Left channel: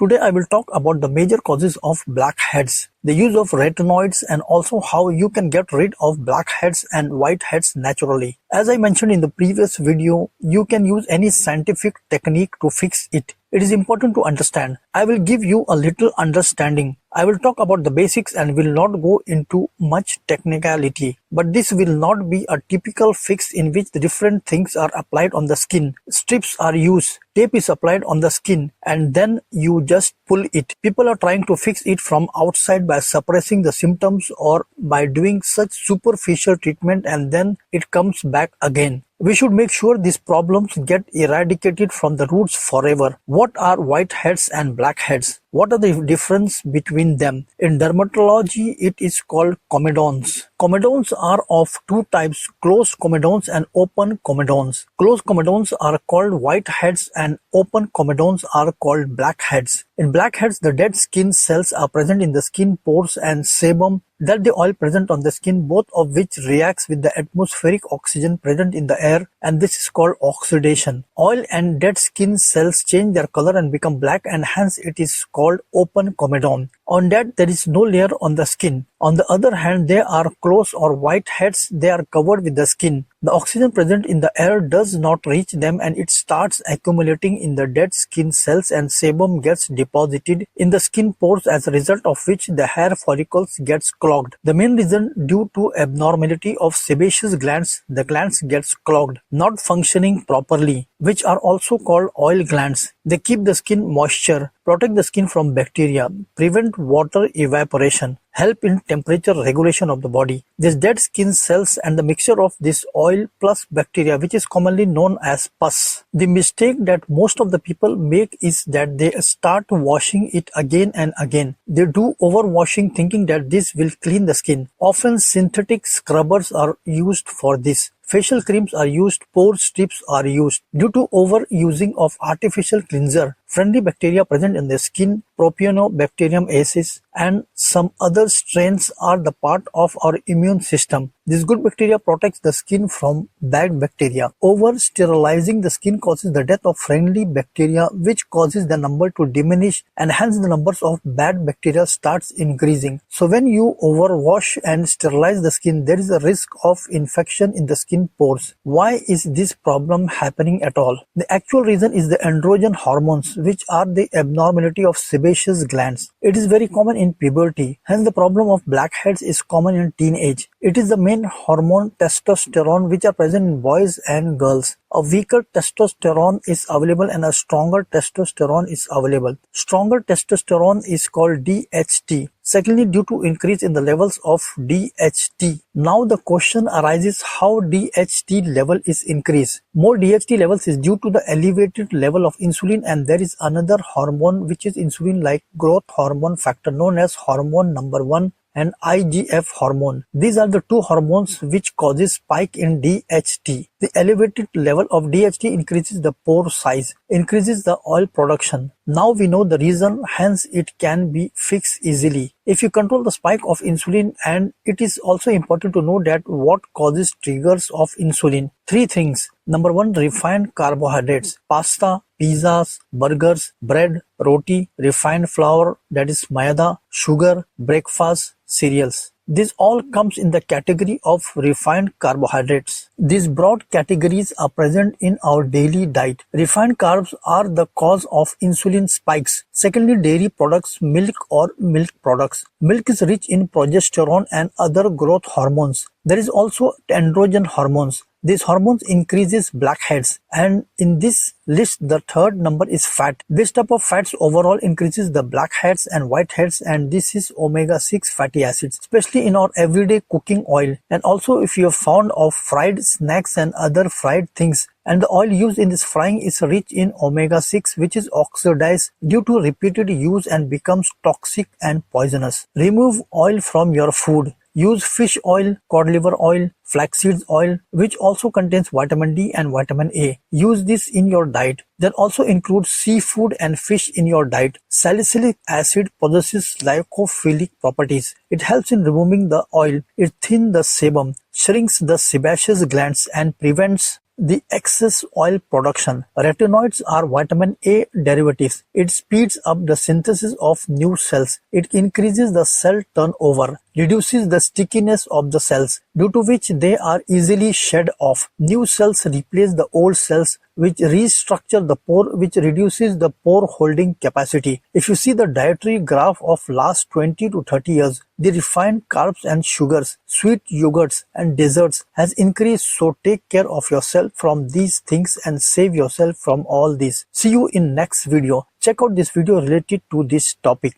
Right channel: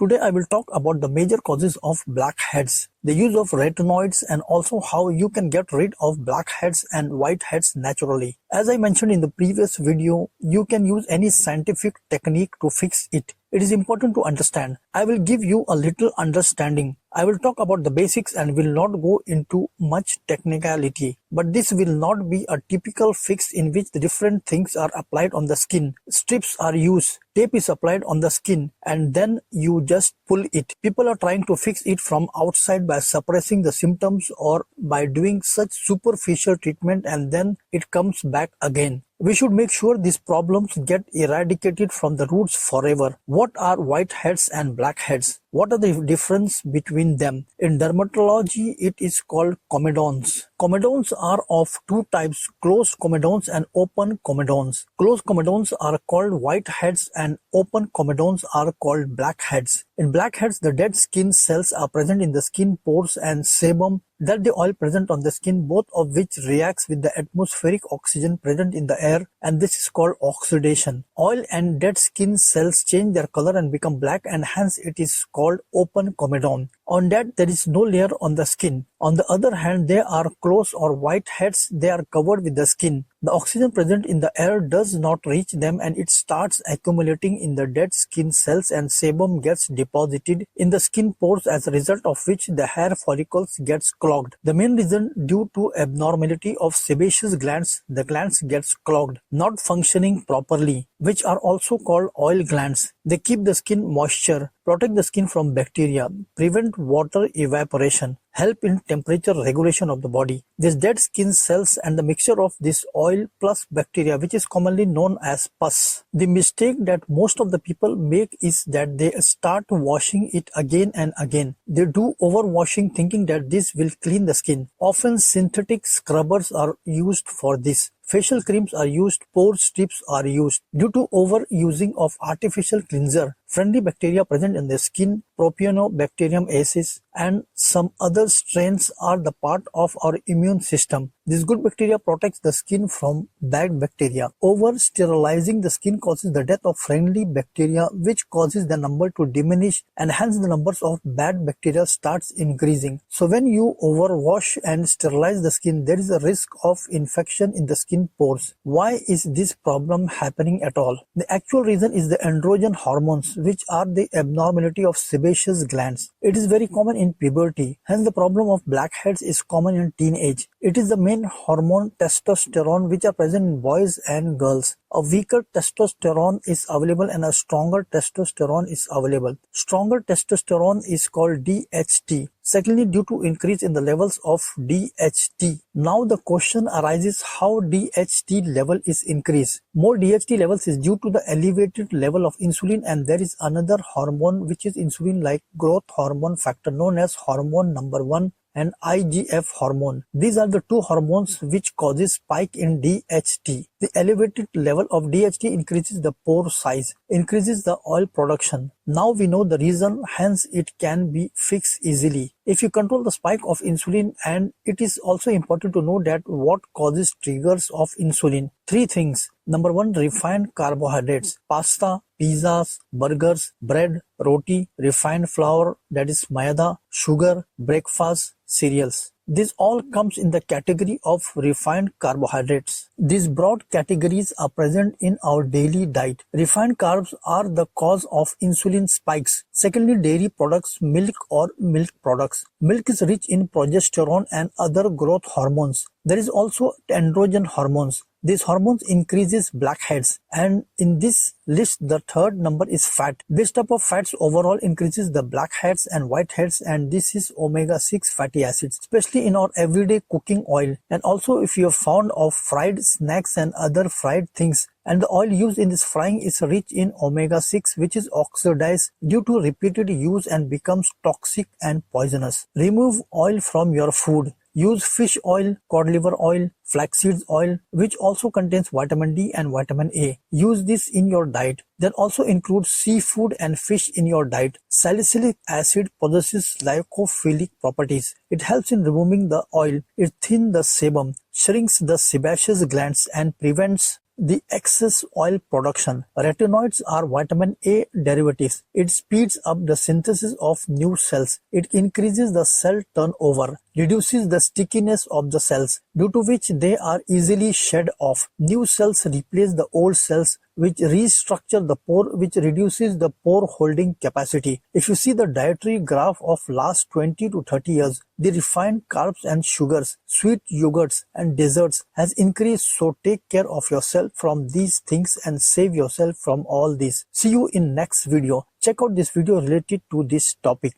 Today I will talk about the major causes of blackheads, the use of retinoids, and also how you can get rid of blackheads and whiteheads naturally. As I mentioned in the previous video, you can use any scientific technique to fix it. It is important to understand. I will give you a little understanding. I will talk about the basics and will not go into much technicality. But this will not be a typical fix in which the different things are applied on the skin. Strips are used, tape is applied on the skin, and then you just pull it. People are trying to fix it from outside by suppressing the symptoms or by doing such superficial treatment, and then it comes back again. We should make sure these problems get eradicated from the roots forever. What are whiteheads and blackheads? What are the difference between them? In dermatology, it is called comedones. Comedones are of two types, closed comedones and open comedones. Closed comedones are called whiteheads and open comedones are called blackheads. In blackheads, the dead skin cells are present in the skin pores and sebum, that the oil present on the skin, both of which reacts with the atmospheric oxygen present in the air, and this is called oxidation. Oil and dead skin cells change their color and become black, and hence it is called open comedone. On that, there is no layer on the skin. On the other hand, they are closed or whiteheads. They are covered with the skin. The oxygen present in the air does not reach them and it starts accumulating in the dead skin cells, and sebum gets deposited in the skin pores, as a result of which the hair follicles gets clogged. The main reason, due to abnormality of sebaceous glands, the glands gets clogged, not functioning properly, which are also called oil glands. They keep the skin moisture, protect the skin from bacteria, prevent water evaporation, help in temperature regulation of the body. These dead skin cells and the mixture of this oil plus bacteria, which is commonly known as pus. The mistake that most of the people make is that they start washing it again and again. They do overwashing thinking that this will clean the skin. Often synthetic scrubbers are used for this. Facial creams are used, pore strips are used. Due to overusing of artificial cleanser, friendly bacteria present in the skin, Propionibacterium acis, and some other strains are the part of our immune system. This good bacteria protects the skin from bad bacteria. Over-sterilizing the skin causes the death of friendly bacteria, which causes the number to diminish, and hence the numbers of bad bacteria starts increasing. So when you overwash and sterilize the skin, there is a risk of infection in the skin pores. Why is this problem happening at all? The actual reason is the androgen hormones, which are the abnormality of sebaceous glands. It is very common in puberty, hence the problem of blackheads is common in teenage. It is the main hormone testosterone which are present in boys and girls. A weaker testosterone is available and a stronger testosterone is available. Stronger testosterone is called DHT. Secondly, due to increase in the levels of DHT. Now the question arises how DHT level is increased. More DHT levels is due to the elevated level of insulin, and there is another hormone which is insulin-like growth hormone factor known as hormone number 1 and IGF hormone. These are the two hormones which causes spike in DHT. The elevated level of DHT increases the pore size, increases the oil production. Now we know the reason, hence it can be fixed easily. If you control the spike of insulin, and it is also important to know that what causes triggers of insulin. Three things. Number one, refined carbohydrates, pasta, pizzas, burgers, bread, roti, refined flour, that is maida, sugar, breakfast, cereals. This all comes in the category of refined carbohydrates. These broad categories are present in our daily diet. Refined carbs are the cause of insulin spikes. Secondly, dairy products, milk or milk products. Milk is rich in progesterone and other growth hormones. There is also androgen hormones. These hormones increases blackheads, and in this list the third number is fat. This type of fats overall increases the blackheads and whiteheads, and this is omega-6 fatty acids, especially in our everyday cooking oil. And also if you are fond of fried snacks and other fried things, and the oil used in this frying is rich in omega-6, which is oxidized due to repeated use and becomes toxic and poisonous. Remove oil from your food. Use fish oil, cod liver oil, flaxseed oil, which also contains vitamin D and vitamin A. Use this in your diet. Then also include seafood and fish in your diet. Salicylic acid possesses lipophilic properties. It helps in removing the oil. It thins the sebum, shrinks the sebaceous glands, and prevents the excess oil production. Retinoids are vitamin A derivatives. It speeds up the synthesis of new cells. It increases the cell turnover, reduces the stickiness of the cells, due to which they are easily shed off. New cells replace the old cells, which restructure the pore, which reduces the pore holding capacity. If you see the dietary graph of last 20 to 30 years, the refined carbs and sugars, sweet yogurts and desserts has increased. So take care of yourself from these things and save yourself from all this. See you in next video. Check out this video related to this topic.